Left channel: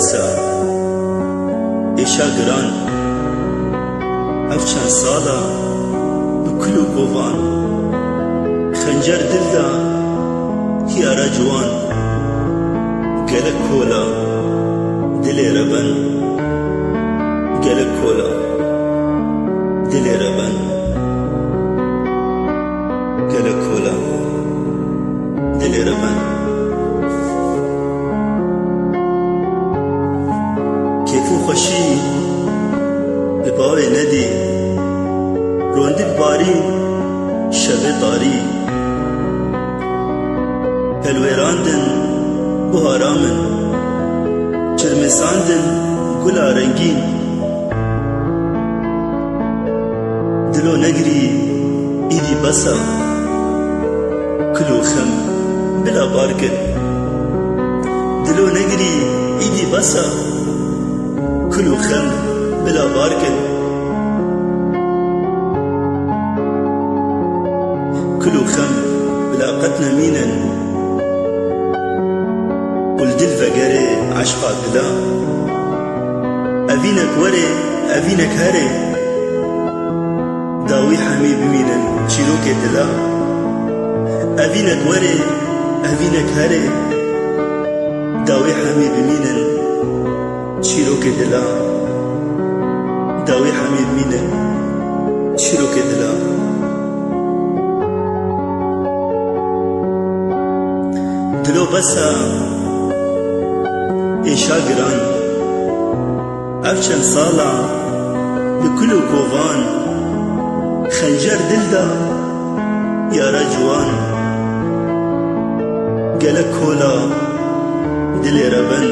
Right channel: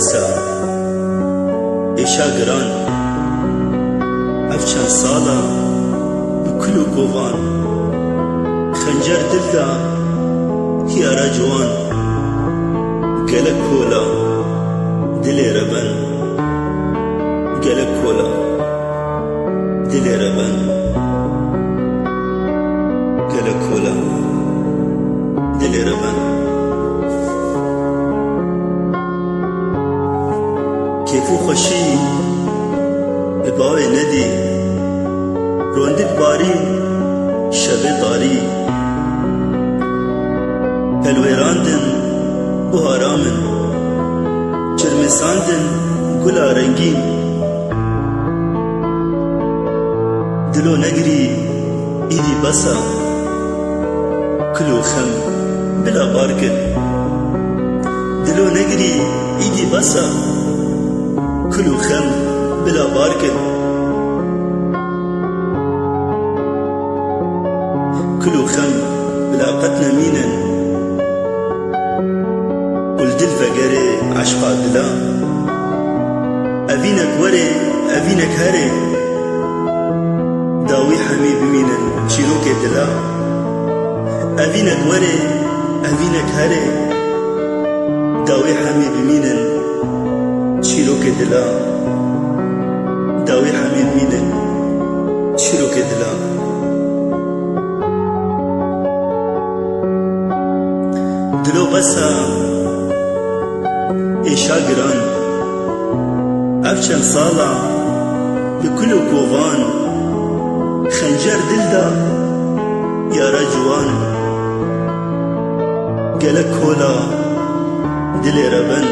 بسا ایشا گران اف چند سالا بکلو گوان خنجر دل دا هیارا جوان گلک کولا دلی ربن گلک کولا دلی ربن گلک کولا دلی ربن کیفو خوشی بباوی ندی روندک باری شب داری پلویراندن بوهارامن چرمساندن گلا رنگین دلو نگری ایدی بسا کلو خم بلا بارکن دلو نگری ایدی بسا کلو خم بلا بارکن كلو خم بلا قتنا مينا والدل فقري عشقا دلا أبينك وري أبينك هري داوي حمي بمينا شيروك دلا أبينك وري أبينك هري داوي حمي بمينا شيروك دلا داوي حمي بمينا شيروك دلا دلو بسا ایشا گران اف چند سالا بکلو کووان خنجر دل دا یارا جوان گلک کولا دلی ربن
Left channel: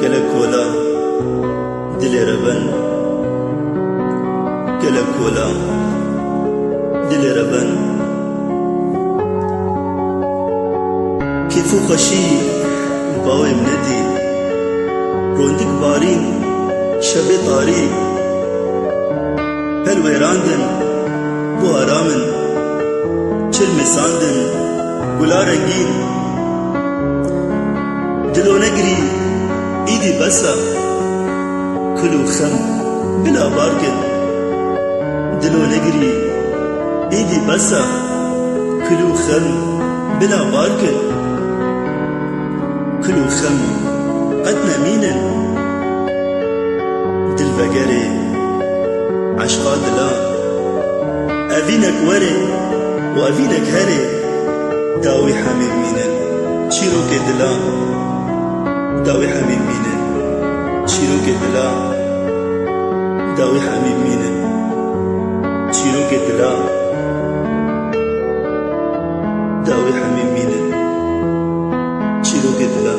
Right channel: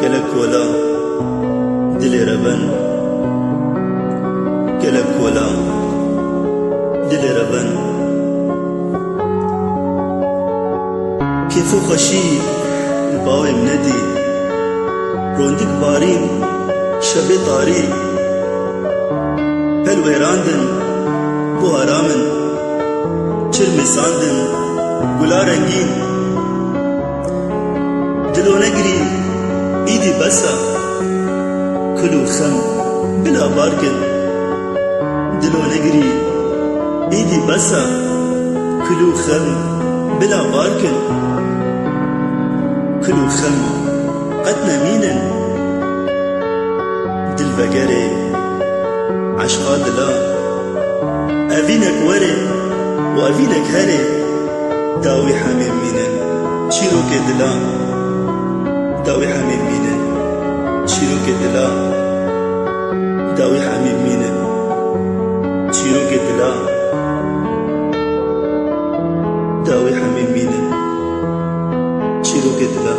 گلک کولا دلی ربن گلک کولا دلی ربن كيفو خشي الباوي مندي روندك بارين شبي طاري هالويراندن بوهارامن چرمساندن گلا رنگين دلو نگري ايدي بسا كلو خم بلا باركن دلو نگري ايدي بسا كلو خم بلا باركن كلو خم قدنا مينا دل فقري عشقا دلا أبينك وري وأبينك هري داوي حميم مينا شيروك دلا داوي حميم مينا شيروك دلا داوي حميم مينا شيروك دلا داوي حميم مينا شيروك دلا